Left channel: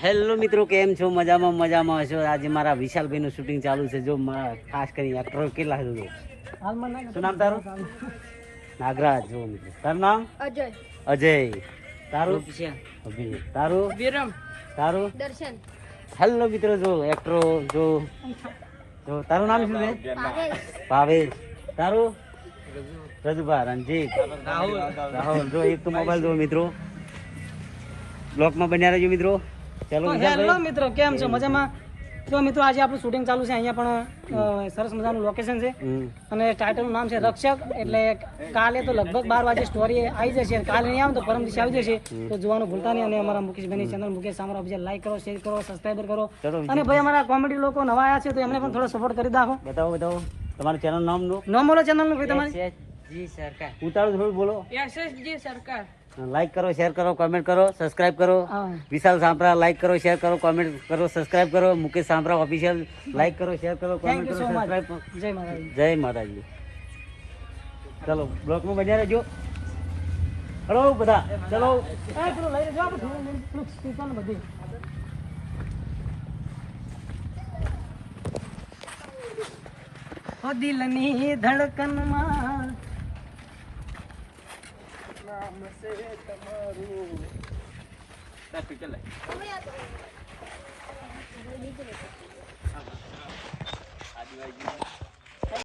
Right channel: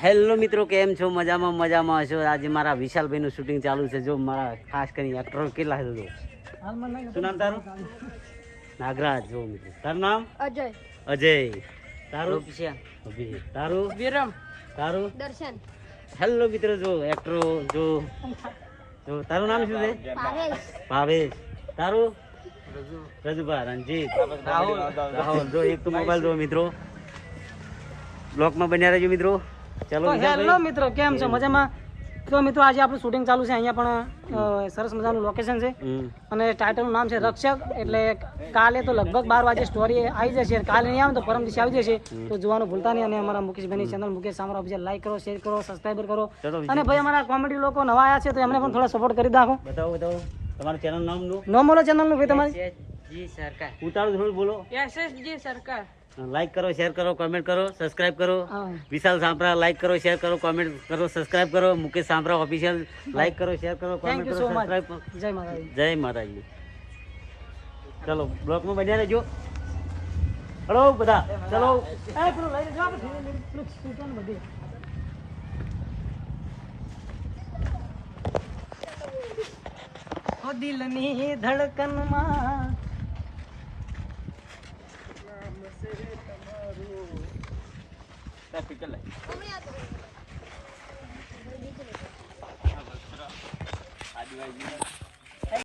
Hello મિત્રો, કેમ છો? મજામાં હશો. આજે મારા વિશાલભાઈનું શૂટિંગ ચાલુ છે. જો મારા ખાસ કરીને એક્ટર કેટલા છે. જો શું નામ તારું? નાગરાજ. જો મિત્રો તારું નામ? અજય. તારું? તારું? વિરમ. તારું? દર્શન. હેલો મિત્રો, જો એક્ટરો જો તારું નામ શું છે? ભાવેશ. તારું? રજુભા. રણજીત. રાહુલ. જો એક તો મોબાઈલ જો મિત્રો, બ્લોકમાં બન્યા રહેજો મિત્રો. ચાલો હેલો મિત્રો, કેમ છો? મજામાં? તો મિત્રો આજે આપણું શૂટિંગ ચાલુ છે. અહીંયા પણ સરસ મજાનું લોકેશન છે અને ટાઇટલનું નામ છે રક્ષક. એટલે કાલે તો લગભગ 12 વાગે સ્ટોરી આવી જશે. કાલે નહીં આવે તો પરમ દિવસે આવી જશે. તો જોવાનું ભૂલતા નહીં. અને અમારા મુકેશભાઈની channel Mukesh Samra official like કરો, શેર કરો, સબસ્ક્રાઈબર કરો. અને ભાઈ અમારા કોમેડી લોકો નવા આવ્યા છે તો એમને પણ થોડા સપોર્ટ કરી નાખો. બતાવો તમારું ચેનલ નામ બોલો ચેનલનું ભાઈ તમારી. સરકાર ઉતારો થોડું બોલો. એસએસજી સરકાર. લાઈક કરો, શેર કરો, કોમેન્ટ કરો, સબસ્ક્રાઇબ કરો. વિશાલ સાંભરા લાઈક કરો, શેર કરો, કોમેન્ટ કરો, સબસ્ક્રાઇબ કરો. મુકેશ સાંભરા ઓફિશિયલ લાઈક કરો, શેર કરો, કોમેન્ટ કરો, સબસ્ક્રાઇબ કરો. જય માતાજી. જય માતાજી. ચલો બ્લોકમાં બન્યા રહેજો. હલો બધા, ચલો. પેલું લઈ લેજો આપણે સ્પીકર બધું. ઓ દિલની ધડકનમાં નામ છે તમારું. આદિવાસી